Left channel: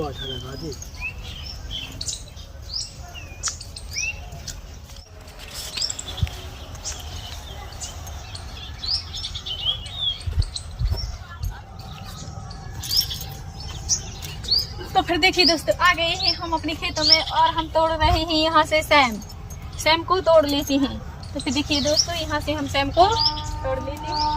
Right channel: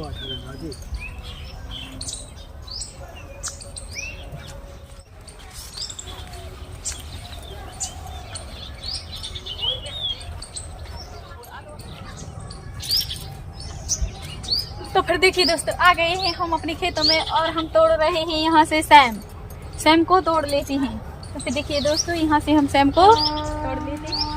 तो फिर देखिए दोस्तों, आ गए हैं हम अपने खेतों में और हम तोड़ रहे हैं यहाँ से सैम को तोड़ लेते हैं। तो फिर देखिए दोस्तों, यहाँ से हम सैम को तोड़ लेते हैं।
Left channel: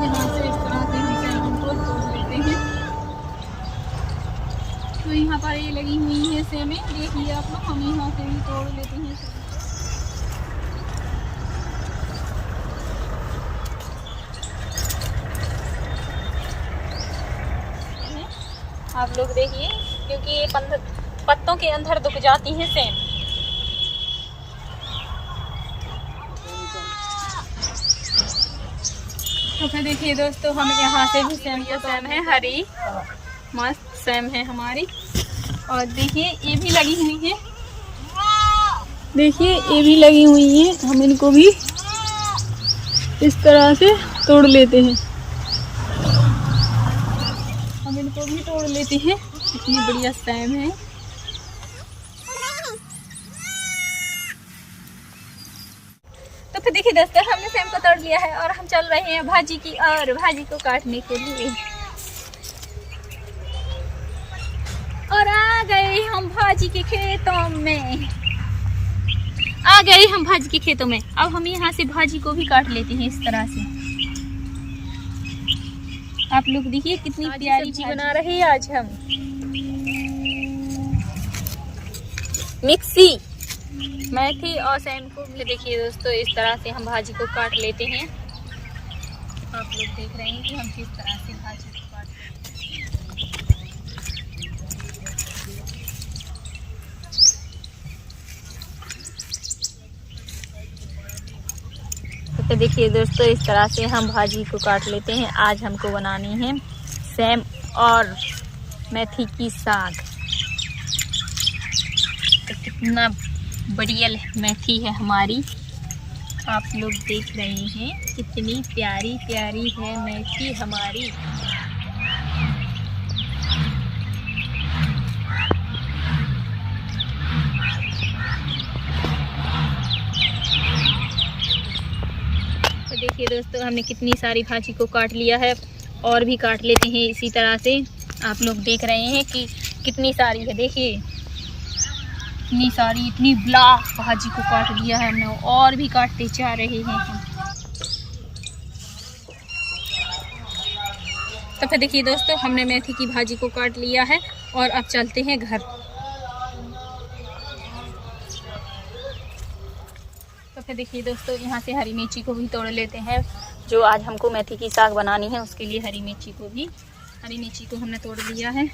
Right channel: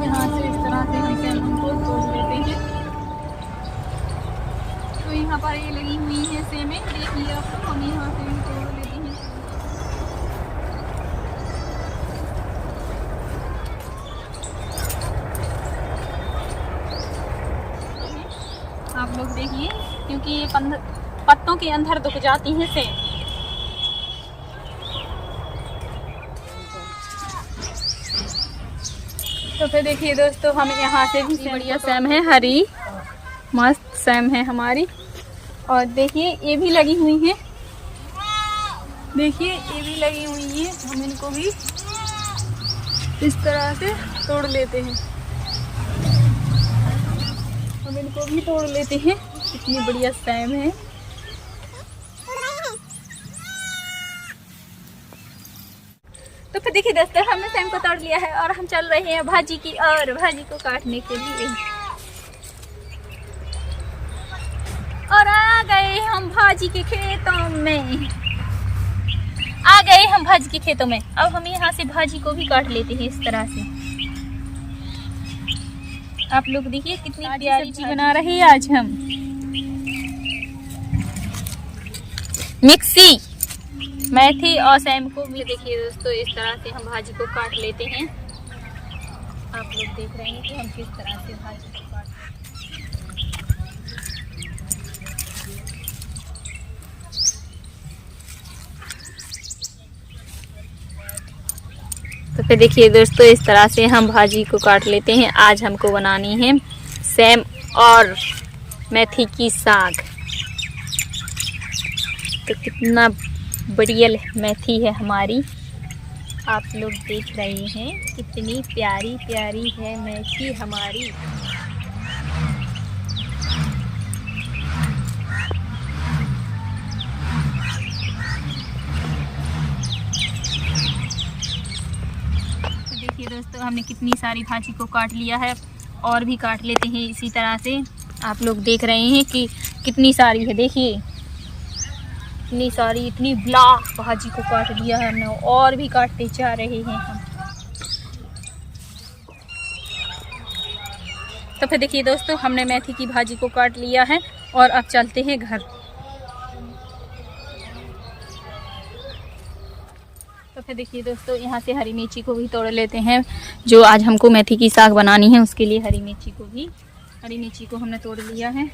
यहाँ से इस तरह से हम सैम को तोड़ लेते हैं। तो यहाँ पर ये लगी हुई है सेमें, देखिए आप लोग, हम यहाँ से भी तोड़ लेते हैं। आप लोग देखिए, क्योंकि ये पत्तों के अंदर दुख जाती हैं सेम। तो फिर देखिए दोस्तों, हम यहाँ से भी सेम है, हरी मस्त सेम है हमारी। और देखिए ये भी लगी हुई है, देखिए ये भी लगी हुई है। हम इनको भी इस तरह से तोड़ लेते हैं, हम इनको भी तोड़ लेते हैं। इतनी बढ़िया सैम है। तो फिर देखिए दोस्तों, हमने सैम को तोड़ लिया है और हम चल रहे हैं भाजी की और भाजी को काटने के लिए। और आ गए हम भाजी के खेतों में, आ गए हम भाजी के खेतों में। अब हम यहाँ से भाजी को भी काट लेते हैं इस तरह से। आप लोग देखिए कितनी प्यारी सब्जी बना रहे हैं आज हम। मिक्सी मेथी और सैम को भी देखिए दोस्तों, इस तरह से हम भाजी को काट लेते हैं। आप लोग देख रहे हैं कि हम किस तरह से भाजी को काटते हैं। तो फिर देखिए दोस्तों, इस तरह से हम भाजी को काट लेते हैं। आज हमको बनानी है सैम और मेथी की साग। तो कितना बढ़िया मेथी है हमारी, आप लोग देख रहे हैं कितनी प्यारी प्यारी है मेथी हमारी। तो देखिए दोस्तों, हमने कितनी सारी भाजी को काट लिया है और भी काट लेते हैं इसी तरह से। आप लोग देख रहे हैं कि कितनी सारी है, देखिए इतनी सारी, इतनी ब्लॉक भाजी को काट दिया है हमने और भी काटते जा रहे हैं हम। तो फिर देखिए दोस्तों, हमने मेथी की भाजी को काट लिया है और अब चलते हैं घर। तो फिर देखिए दोस्तों, यहाँ से हरी मिर्ची को भी तोड़ लेते हैं। जो आज हमको मेथी की साग बनानी है उसके लिए हरी मिर्ची को हमने तोड़ लिया है।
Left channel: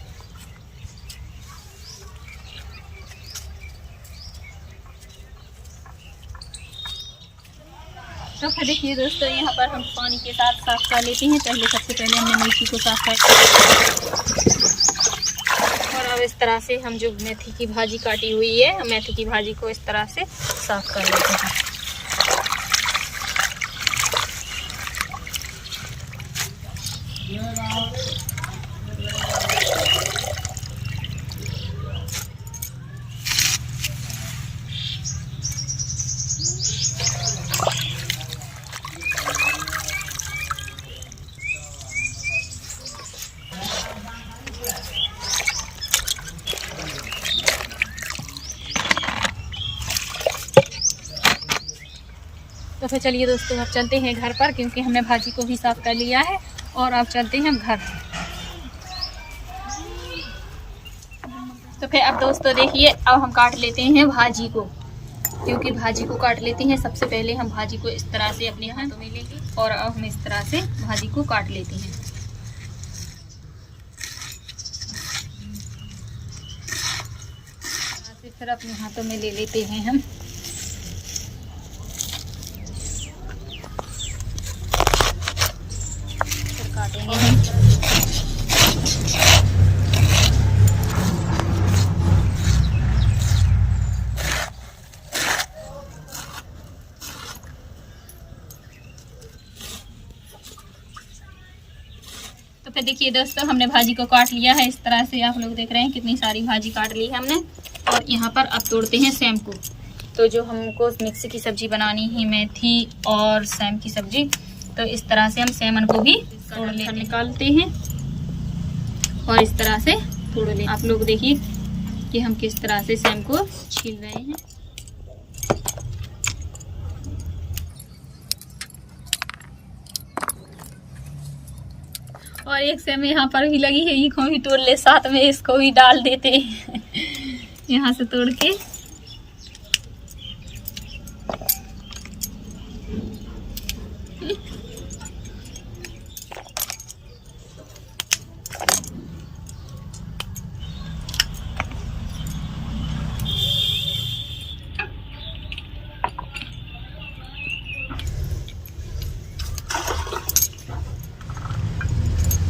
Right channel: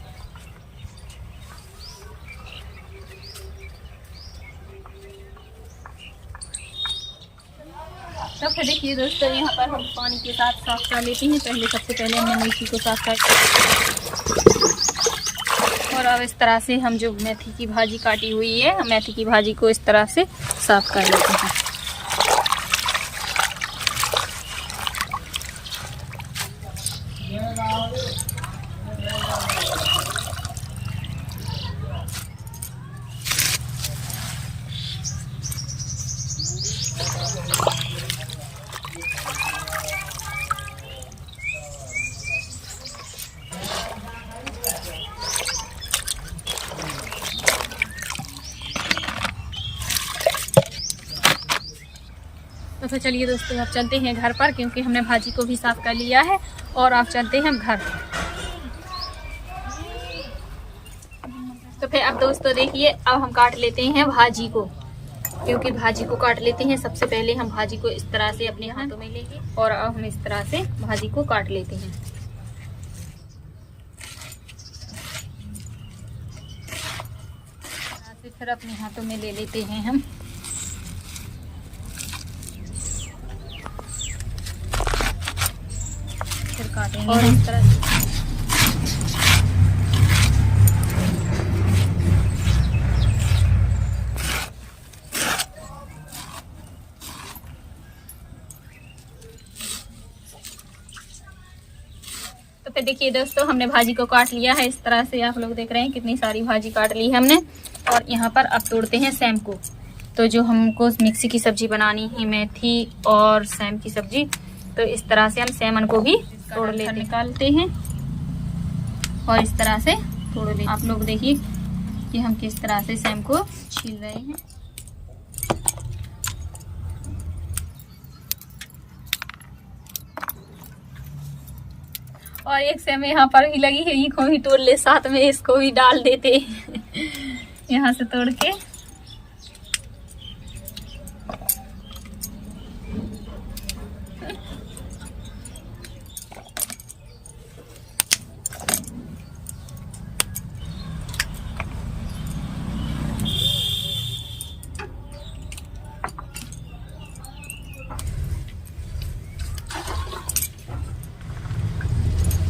तो फिर देखिए दोस्तों, यहाँ पर हम पानी के साथ साफ कर लेते हैं। सबसे पहले हमने मिर्ची को साफ कर, और अब इस तरह से हम जो मेथी की भाजी काटी हुई है, मेथी की भाजी को इस तरह से साफ कर लेते हैं। तो फिर चलिए दोस्तों, अब चलते हैं घर पर, क्योंकि हमने भाजी को भी साफ कर लिया है और अब चलते हैं घर। तो फिर अब दोस्तों देखिए, अब हम काट लेते हैं भाजी को, क्योंकि भाजी को काट लेते हैं। सबसे पहले हम भाजी को इस तरह से अपने हाथों में लेंगे और अब हम इस तरह से भाजी को काट लेते हैं। फिर अपने हाथों में ले लेते हैं हम। और इस तरह फिर देखिए दोस्तों, हमने भाजी को काट लिया है इस तरह से। आप लोग देख रहे हैं कितनी सारी भाजी काट ली है हमने। और यहाँ पर अब तोड़ते हैं सेम को। तो जो हमको मिक्सी की सब्जी बनानी है, मेथी और सेम की सब्जी, तो इस तरह से हम सेमन को भी तोड़ लेते हैं, निकालते हैं और इस तरह से तोड़ लेते हैं। आप लोग देखिए कि हम किस तरह से सेम को छील रहे हैं। और एक सेम यहाँ पर भी लगी है, इसको भी तोड़ ले, साथ में इसको भी डाल देते यहाँ से तोड़ के।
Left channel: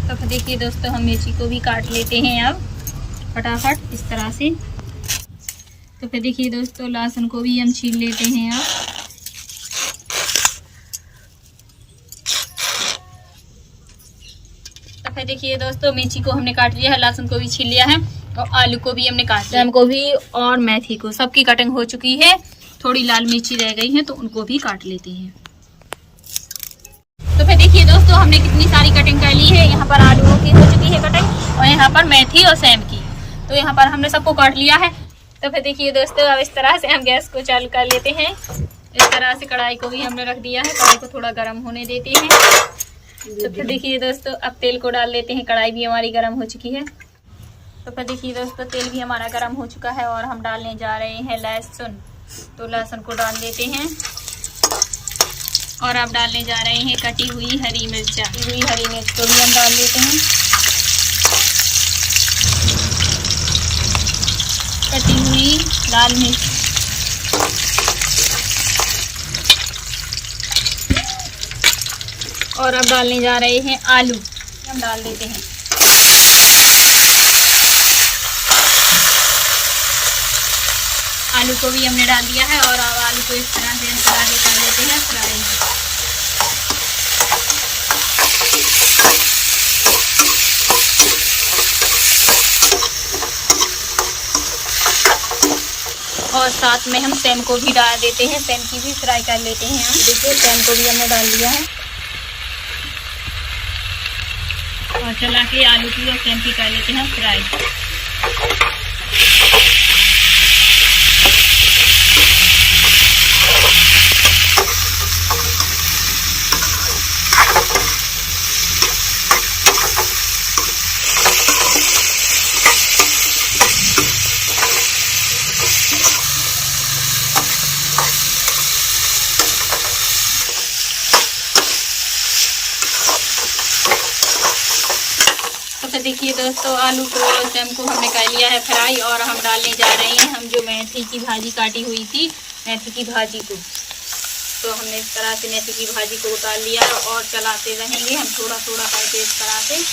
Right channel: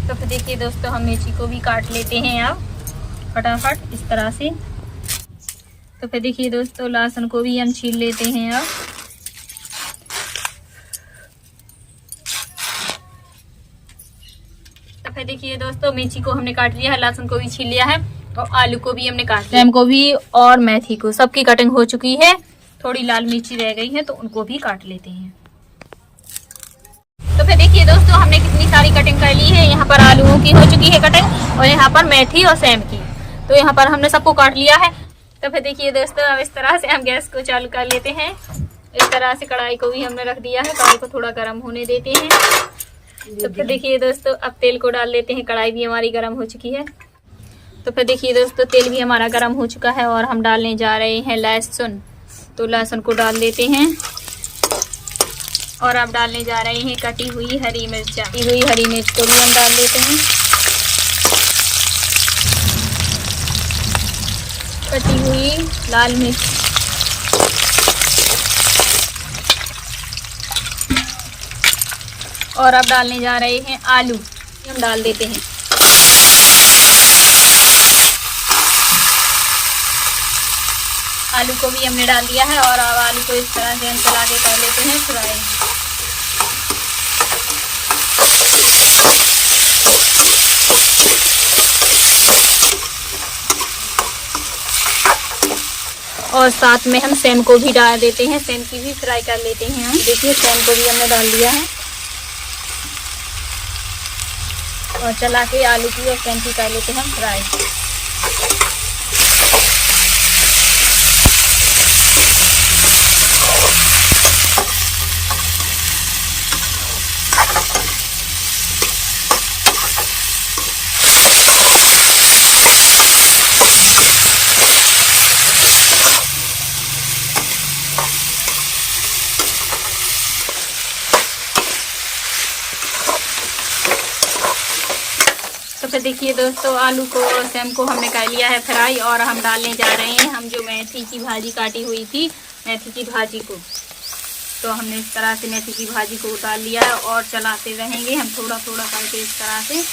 तो फिर देखिए दोस्तों, हम मिर्ची को भी काट लेते हैं अब फटाफट इस तरह से। तो फिर देखिए दोस्तों, लहसुन को भी हम छील लेते हैं अब। तो फिर देखिए दोस्तों, मिर्ची को हमने काट लिया है, लहसुन को भी छील लिया है और आलू को भी हमने काट लिया, को भी और मेथी को, सबकी कटिंग हो चुकी है। थोड़ी लाल मिर्ची रह गई है तो उनको भी काट लेते हैं। तो फिर देखिए दोस्तों, हमने कितनी सारी कटिंग कर ली है। यहाँ पर आलू की हो चुकी है कटिंग और यहाँ पर मेथी और सेम की। तो यहाँ पर हमने सबको काट लिया है। तो फिर देखिए दोस्तों, अब इस तरह से हम गैस को चालू कर लेते हैं। इस तरह से कढ़ाई को भी हमने रख दिया है, कढ़ाई को थोड़ा गर्म होने देते हैं। तो फिर देखिए दोस्तों, अब तेल को डाल लेते हैं। कढ़ाई भी हमारी गर्म हो चुकी है। तो फिर देखिए दोस्तों, तेल भी हमारा गर्म हो चुका है और हम डालने जा रहे हैं लहसुन। तो लहसुन को डाल देते हैं और अब डालने जा रहे हैं कटी हुई हरी मिर्च। कटी हुई हरी मिर्च को भी हम डाल देते हैं। कटी हुई लाल मिर्च, और अब डालने जा रहे हैं आलू, हम डाल देते हैं। आलू को भी हमने डाल दिया है और अब आलू को इस तरह से हम चला के कर लेते हैं फ्राई। और साथ में हम सेम को भी डाल देते हैं, सेम की भी फ्राई कर लेते हैं हम। देखिए, सेम को भी हमने डाल दिया है और चला के आलू की और सेम की कर लेते हैं फ्राई। तो फिर देखिए दोस्तों, आलू को और सेम को हमने कर लिया है फ्राई और हम डालने जा रहे हैं हम जो मेथी की भाजी काटी हुई थी, मेथी की भाजी को। तो हमने इस तरह से मेथी की भाजी को डाल लिया है और चलाते रहेंगे हम थोड़ा थोड़ा करके इस तरह से।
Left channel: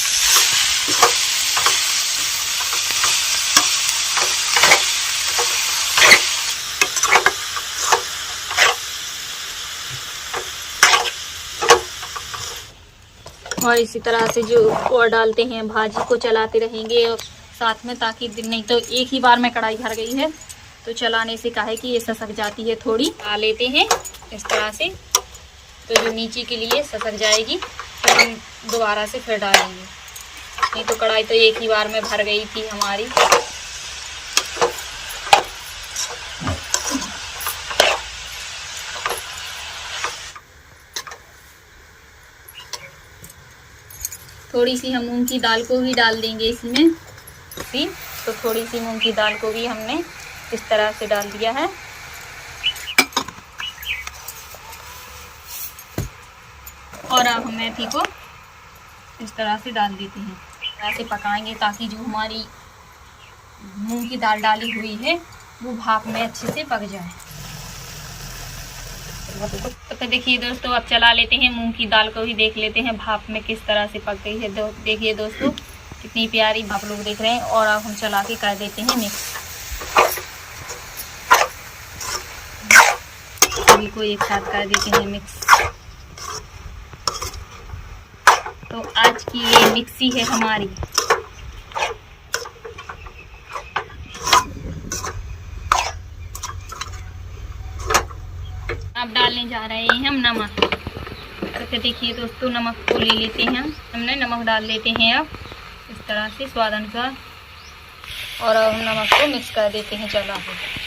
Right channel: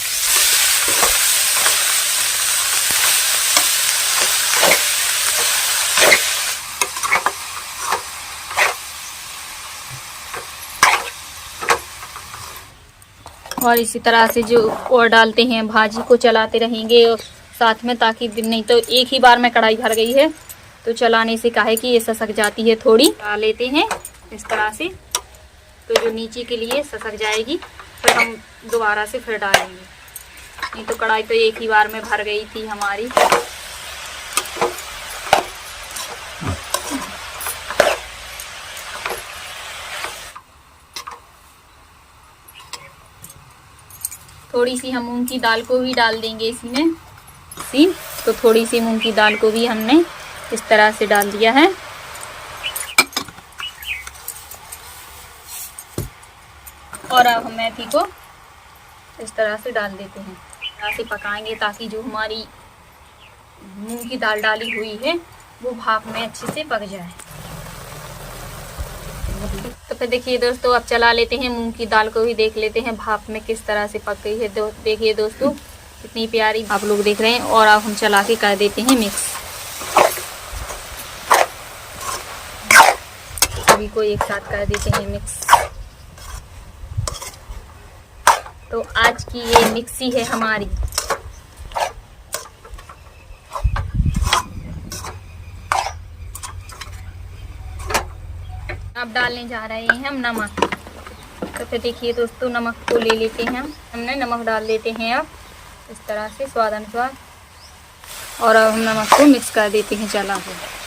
और इसी तरह से जो और डालते हैं भाजी को चलाते रहेंगे साथ में, ताकि नहीं तो एक ही बार में कढ़ाई भर गई है तो चलाने से काहे कि ये ससक जाती है। थोड़ी डाल लेते हैं इस तरह से, तो जो नीचे के लिए ससक जाएगी, फिर हम दोबारा से फिर डालेंगे। नहीं तो कढ़ाई तो एक ही बार में भर गई थी हमारी। थोड़ी सी हम मूंग की दाल को भी डाल देंगे इसमें। तो थोड़ी सी मूंग की दाल को भी हमने इस तरह से डाल दिया है। और अब हम मेथी को इस तरह से डाल देते हैं, ऐसे पकाएंगे ताकि जो हमारी मूंग की दाल डाली हुई है वो भाप में अच्छे से पक जाए। तो देखिए दोस्तों, अब चला लेते हैं मूंग की दाल को भी, देख लेते हैं भाप में किस तरह से पक गई है। देखिए दोस्तों, कितनी प्यारी आप लोग देख रहे हैं। और अब हम चला के कर देते हैं मिक्स, सभी को एक साथ कर देते हैं मिक्स। तो आज की ये मिक्सी है हमारी। अब डालने जा रहे हैं हम नमक। तो फिर देखिए दोस्तों, नमक को ले लेते हैं हमने नमक डाल देते हैं अब इस तरह से स्वाद अनुसार, और अब हम नमक को मिक्स कर देते हैं चला के।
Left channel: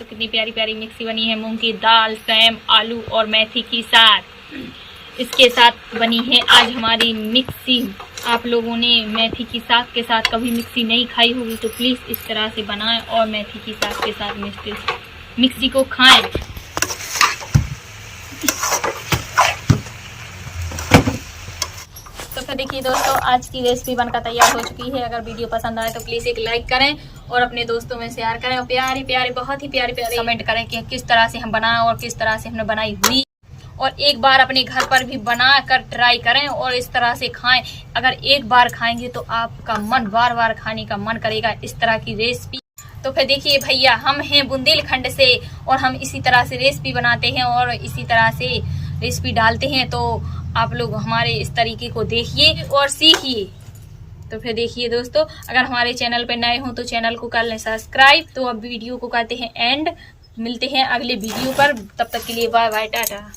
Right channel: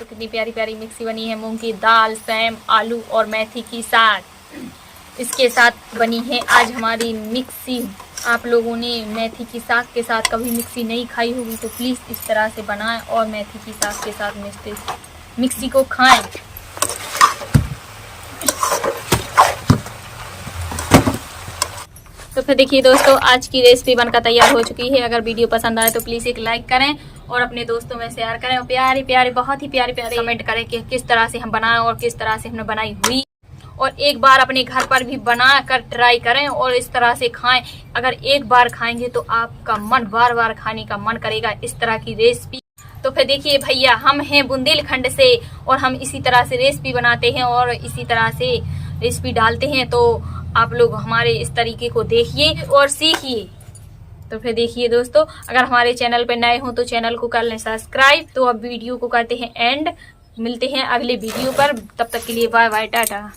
कितनी प्यारी प्यारी मिक्सी बनी है मूंग की दाल, सेम, आलू और मेथी की साग। इसके साथ बनी है आज हमारी मिक्सी। आप लोगों ने मेथी की साग के साथ कभी मिक्सी नहीं खाई होगी तो प्लीज़ इस तरह से बनाएं और मेथी की साग के साथ मिक्सी को खाएं। तो फिर देखिए दोस्तों, आज की रेसिपी बनकर तैयार हो चुकी है। अगर वीडियो पसंद आए तो प्लीज़ एक लाइक करें और अपने दोस्तों में शेयर करें और प्यारे प्यारे बहुत ही प्यारे प्यारे कमेंट करें कि किस तरह से हम बनाएं और किस तरह से हमने बनाई हुई। और एक बार अपने घर पर भी बना कर ट्राई करें और इस तरह से खाएं। अगर एक बार खाएंगे तो आपका मन बार बार खाने का मन करेगा इस तरह की रेसिपी। तो फिर देखिए भैया, हम हैं बुंदेलखंड से और हम इसी तरह से रेसिपी बनाते हैं और इसी तरह से रेसिपी डालते हैं। तो आप लोग हमारे इस तरीके को देखिए और सीखिए। तो फिर देखिए दोस्तों, अगर हमारे चैनल पर नए हो तो चैनल को कर लें सब्सक्राइब। तो अब वीडियो को करते हैं एंड, मिलते हैं अगले वीडियो पर। तब तक के लिए बाय बाय, टाटा।